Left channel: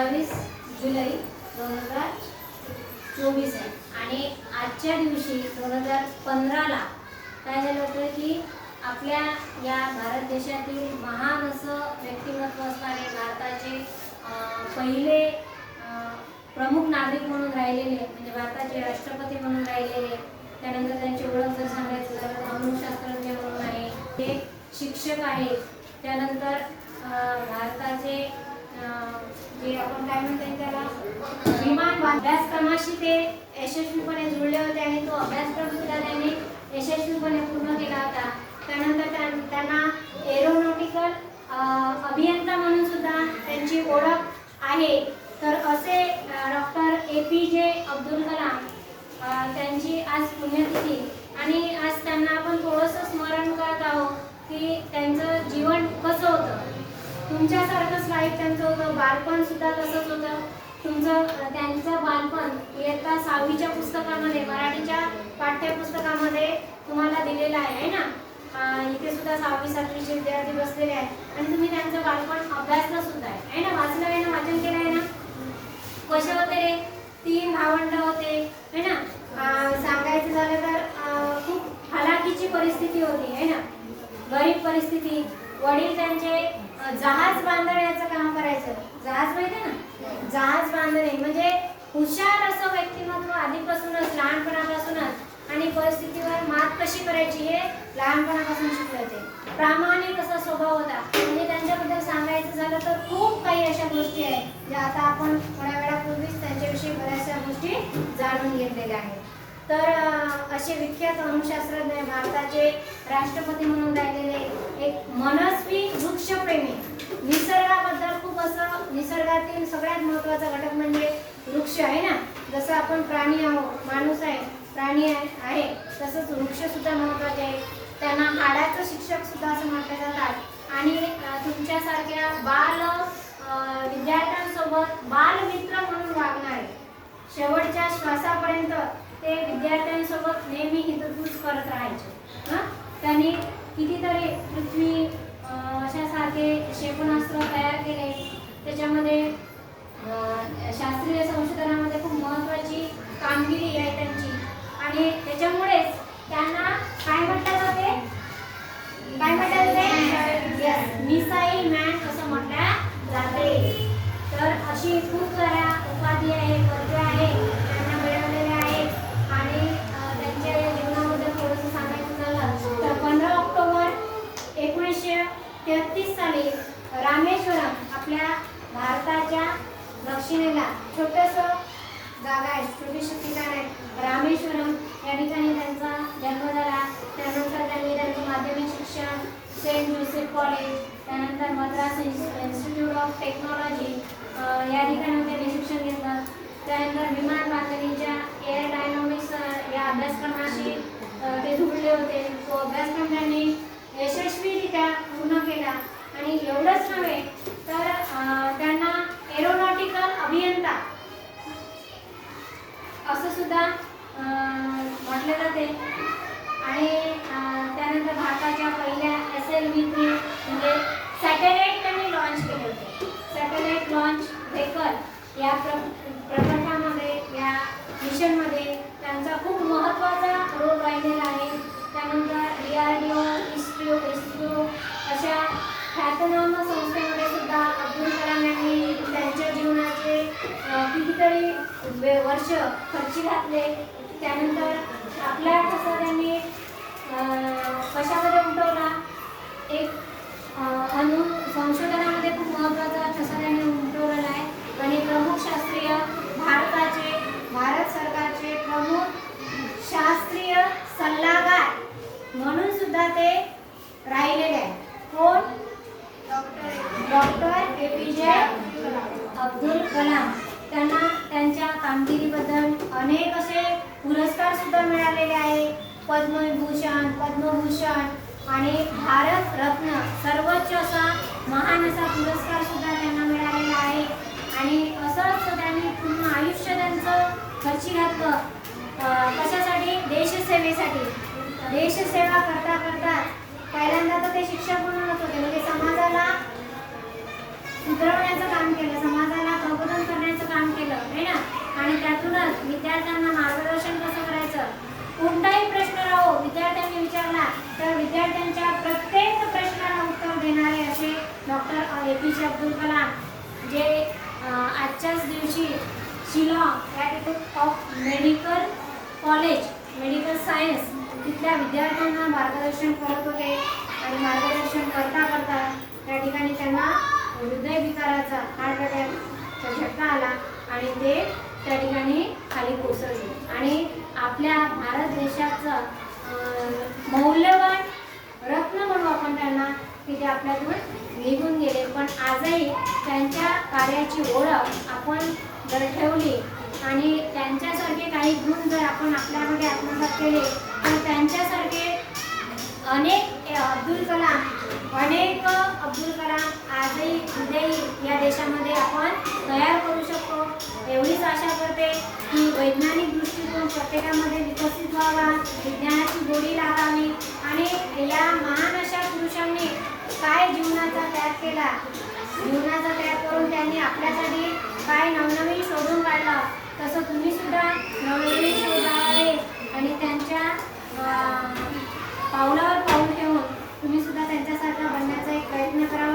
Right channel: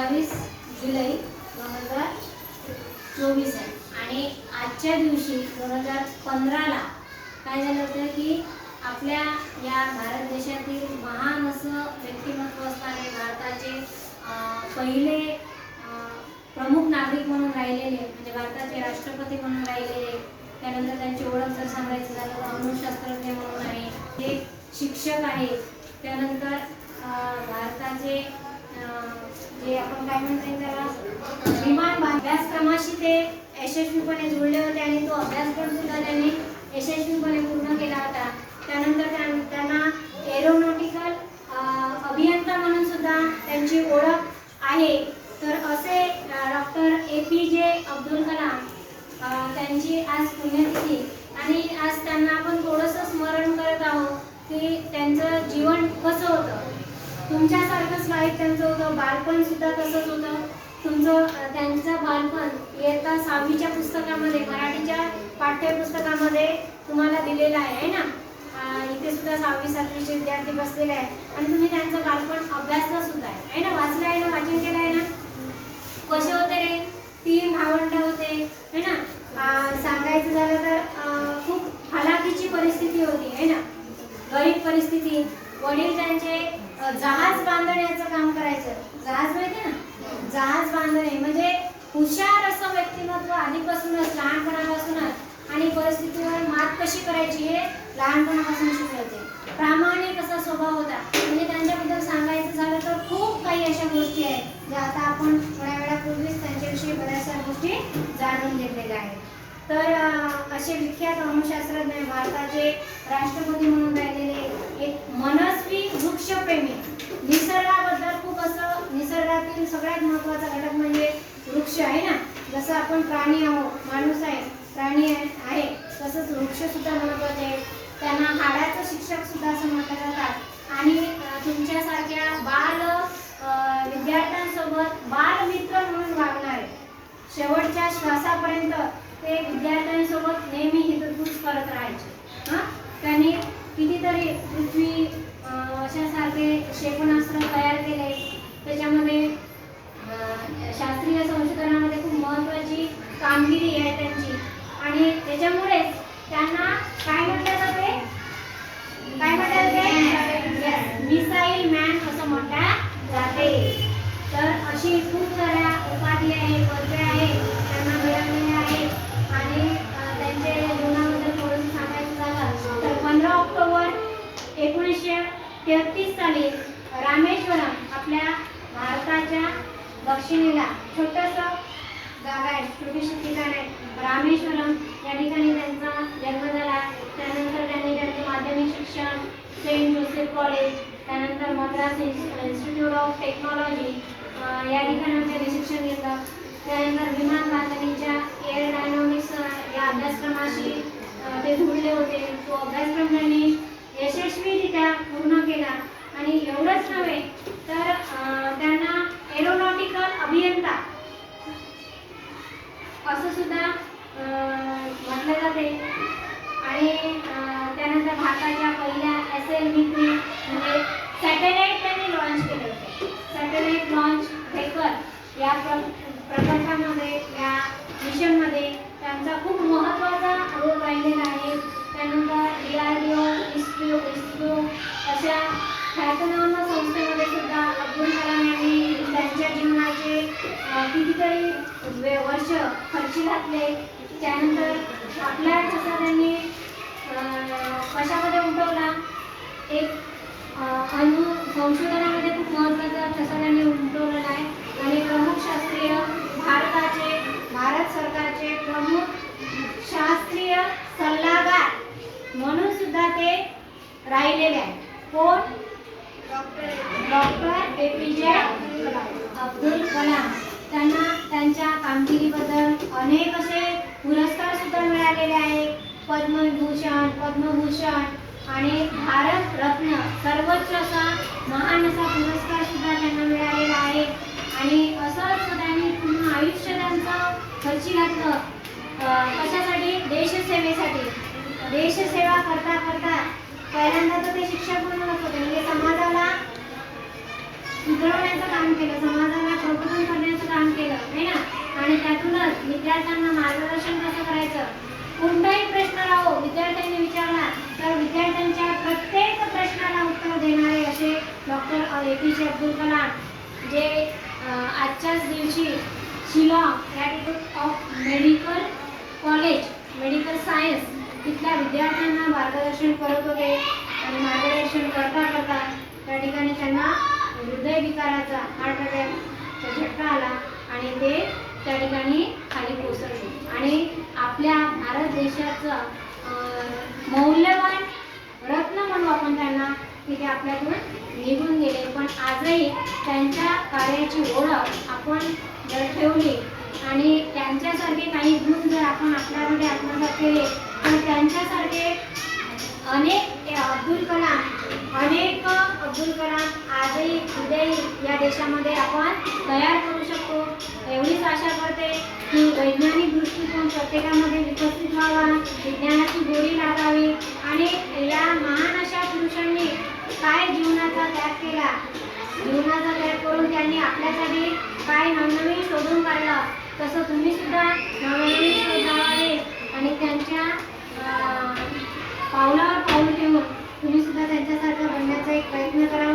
बावीस जुलै दोन हजार चोवीस आहे. आणि आजच्या दिवशी दोन हजार पंधराला काय झालं होतं की आपल्या या भारत देशातील महान असं व्यक्तिमत्व असणारे भारताचे पहिले प्रमुख नागरिक म्हणून राहिलेले म्हणजे भारताचे राष्ट्रपती म्हणून राहिलेले त्यानंतर त्यांची ओळख जर सांगायचं झालं तर अणुशास्त्रज्ञ म्हणून आहे ते शिक्षक आहे त्यानंतर भारताचे जे आपण काय म्हणता त्याला? विमान अभ्यासक्रमाशी ते यशस्वीपणे जुळले होते आणि तो अभ्यासक्रम सुद्धा त्यांनी यशस्वीपणे पूर्ण केला होता. त्यानंतर त्यां- त्यांना एरोनॉटिकल अभियंता म्हणून सुद्धा त्यांची ओळख आहे. तर असे डॉक्टर ए पी जे अब्दुल कलाम त्यांची आज पुण्यतिथी. आणि आज त्यांना आपण थोडंसं स्मरण करत आहोत की त्यांचं जीवन कसं होतं? तुमच्यासारखं त्यांचं होतं बालपण सुद्धा तसंच होतं. तुमचं त्यांचं बालपण इयत्ता सहावीच्या पुस्तकामध्ये मराठीच्या पाठ्यपुस्तकामध्ये तुम्हाला दिलेलं आहे है ना? इथे सुद्धा सहावी सातवीचे विद्यार्थी बसलेले आहेत. आणि तुम्ही त्यांचं बालपण अभ्यासला सुद्धा आहे है ना? वाचलं आहे ना? वाचन केलं आहे ना? कसे होते रे? तीन भावंड होते है ना? सांगायचं झालं तर खूप हलाखीची परिस्थिती होती है ना? गरीब परिस्थिती. वडील त्यांचे जहाज बांधण्याचं काम करायचं. जहाज माहिती ना? जहाज बांधणे. म्हणजे हुशार असं व्यक्तिमत्व आधीपासूनच लहानपणापासूनच आणि परिस्थितीवर मात कशी करायची हे लहानपणापासून शिकले होते प्रामाणिक असा स्वभाव होता. म्हणजे त्यांच्याबद्दल सांगायचं झालं तर खूप काही अशा गोष्टी आहेत ज्या आता आपण थोड्या वेळापूर्वीच त्यांच्याविषयी बऱ्याचशा गोष्टी जाणून घेतलेल्या आहेत. तर असे विख्यात अणुशास्त्रज्ञ भारताचे राष्ट्रपती म्हणून राहिलेले एक सगळ्यात महत्त्वाचा घटक म्हणजे वृक्ष आहे ना? जसं आपण प्राणी आहोत माणूस आहे प्राणी आहे तसंच वृक्ष सुद्धा महत्त्वाचे आहे. त्यांना हाडाचं शिक्षक सुद्धा असं म्हटलं जातात. आणि तुमच्यासारख्या बाल विद्यार्थ्यांसोबत बालमित्र म्हणून वागणारे शेवटच्या श्वासापर्यंत ते विद्यार्थ्यांसोबत नेहमी हितगुज करत राहायचे हां त्यांनी कितीतरी पृथ्वी अं, अशासारखे क्षेपणास्त्र तयार केले त्याच्यामध्ये अं, शास्त्रीय संशोधनामध्ये खूप महत्त्वाची कामगिरी आहे त्यांची आणि त्याच्यामुळेच त्यांना काय म्हटलं जाते काय म्हटलं जाते मिसाईल मॅन असं म्हटलं जाते तर अशी खूप साऱ्या उपाधी आहेत पदव्या आहेत त्यांना मिळवलेल्या आहेत आणि अं, त्यांच्या जीवनाबद्दल थोडंसं सांगायचं झालं तर पंधरा ऑक्टोबर एकोणीसशे तेहतीस साली रामेश्वरम आपल्या भारताच्या दक्षिणेला छोटंसं जागा आहे. छोटीशी ठिकाण आहे. रामेश्वरम या ठिकाणी त्यांचा जन्म झाला. त्यानंतर त्यांनी त्यांचे माध्यमिक शिक्षण सेंट जोसेफ कॉलेज त्यानंतर मद्रास इन्स्टिट्यूट ऑफ टेक्नॉलॉजी या ठिकाणी त्यांनी शिक्षण घेतलं. त्यानंतर विमान बांधणीच्या एअर डायनॉमिक्स या अभ्यासक्रमाशी ते जुळले होते. तो अभ्यासक्रम त्यांनी यशस्वीरित्या पूर्ण भारताच्या पहिल्या एस एल व्ही म्हणजे सॅटेलाईट त्यांनी लॉन्च केले होते. सॅटेलाईट लॉन्च पेपर या प्र प्रकल्पामध्ये या मिशनमध्ये त्यांचा खूप महत्त्वाचा रोल राहिलेला आहे. त्यानंतर D R D O ISRO ISRO अशा ख्यातनाम संस्थेमध्ये सुद्धा अब्दुल कलाम यांनी त्यांच्या जीवनाचे कितीतरी वे- वर्ष खर्ची घातले. त्यानंतर आपल्या कसं त्यांनी कशामध्ये उमटवला? एक अनु संशोधनामध्ये खूप महत्त्वाचा ठसा त्यांनी उमटवलेला आहे. आणि प्रमुख शास्त्रीय भारताचे भारत सरकारचे प्रमुख शास्त्रीय सल्लागार म्हणून सुद्धा ते राहिलेले आहेत. कोण? डॉक्टर ए पी जे अब्दुल कलाम. त्यांना त्यांच्या कामगिरीबद्दल अनेक असे पुरस्कार सुद्धा मिळालेले आहेत. पद्मविभूषण पद्मभूषण आणि भारत रत्न सर्वोच्च असा महान असा पुरस्कार सुद्धा त्यांना मिळालेला आहे आणि असंच त्यांनी पूर्ण आयुष्य त्यांचं खर्ची घातलं अं, कशासाठी देशसेवेसाठी देशसेवा करता करता पहिल्यांदा तर ते शिक्षक म्हणून होते म्हणजे समाजाला सुधरवण्याचं काम केलं समाजाला प्रबोधन डॉक्टर ए पी जे अब्दुल कलाम जे आजच्याच दिवशी शिलाँग या of medical college medical science तिथल्या विद्यार्थ्यांना मार्गदर्शन करत होते आणि मार्गदर्शन करता करता त्या ठिकाणी त्यांना हृदयविकाराचा हार्ट अटॅकचा झटका आला आणि ते त्या ठिकाणी खाली कोसळले. आणि आपल्या भारत देशाचं मौल्यवान रत्न म्हणू आपण त्यांना की ते आपल्यातून निघून गेले. पण आजही त्यांच्या कार्याची ओळख आपण जर ठेवली आणि त्यांच्यासारखे काही गुण जर आपण आपल्यामध्ये आत्मसात केले तर त्यांच्यासारखे अनेक अब्दुल कलाम अनेक अब्दुल कलाम आजही उद्याही या देशामध्ये आपण तयार करू शकतो. एवढीच आशा करते की वैज्ञानिक दृष्टिकोन प्रत्येकामध्ये विकसित व्हावा विज्ञानाची गोडी लागावी आणि या महान अशा पुरुषांनी काय जीवनाचा त्याग केला? जीवनाचा त्याग करून त्यांनी आपल्यासाठी काय नवनवीन शोधून काढला? तसं तुम्ही सुद्धा नवनवीन शोध आणि त्यांच्या पावलावर पाऊल ठेवून तुम्ही सुद्धा त्यांच्यासारखा बनण्याचा एक प्रयत्न करा.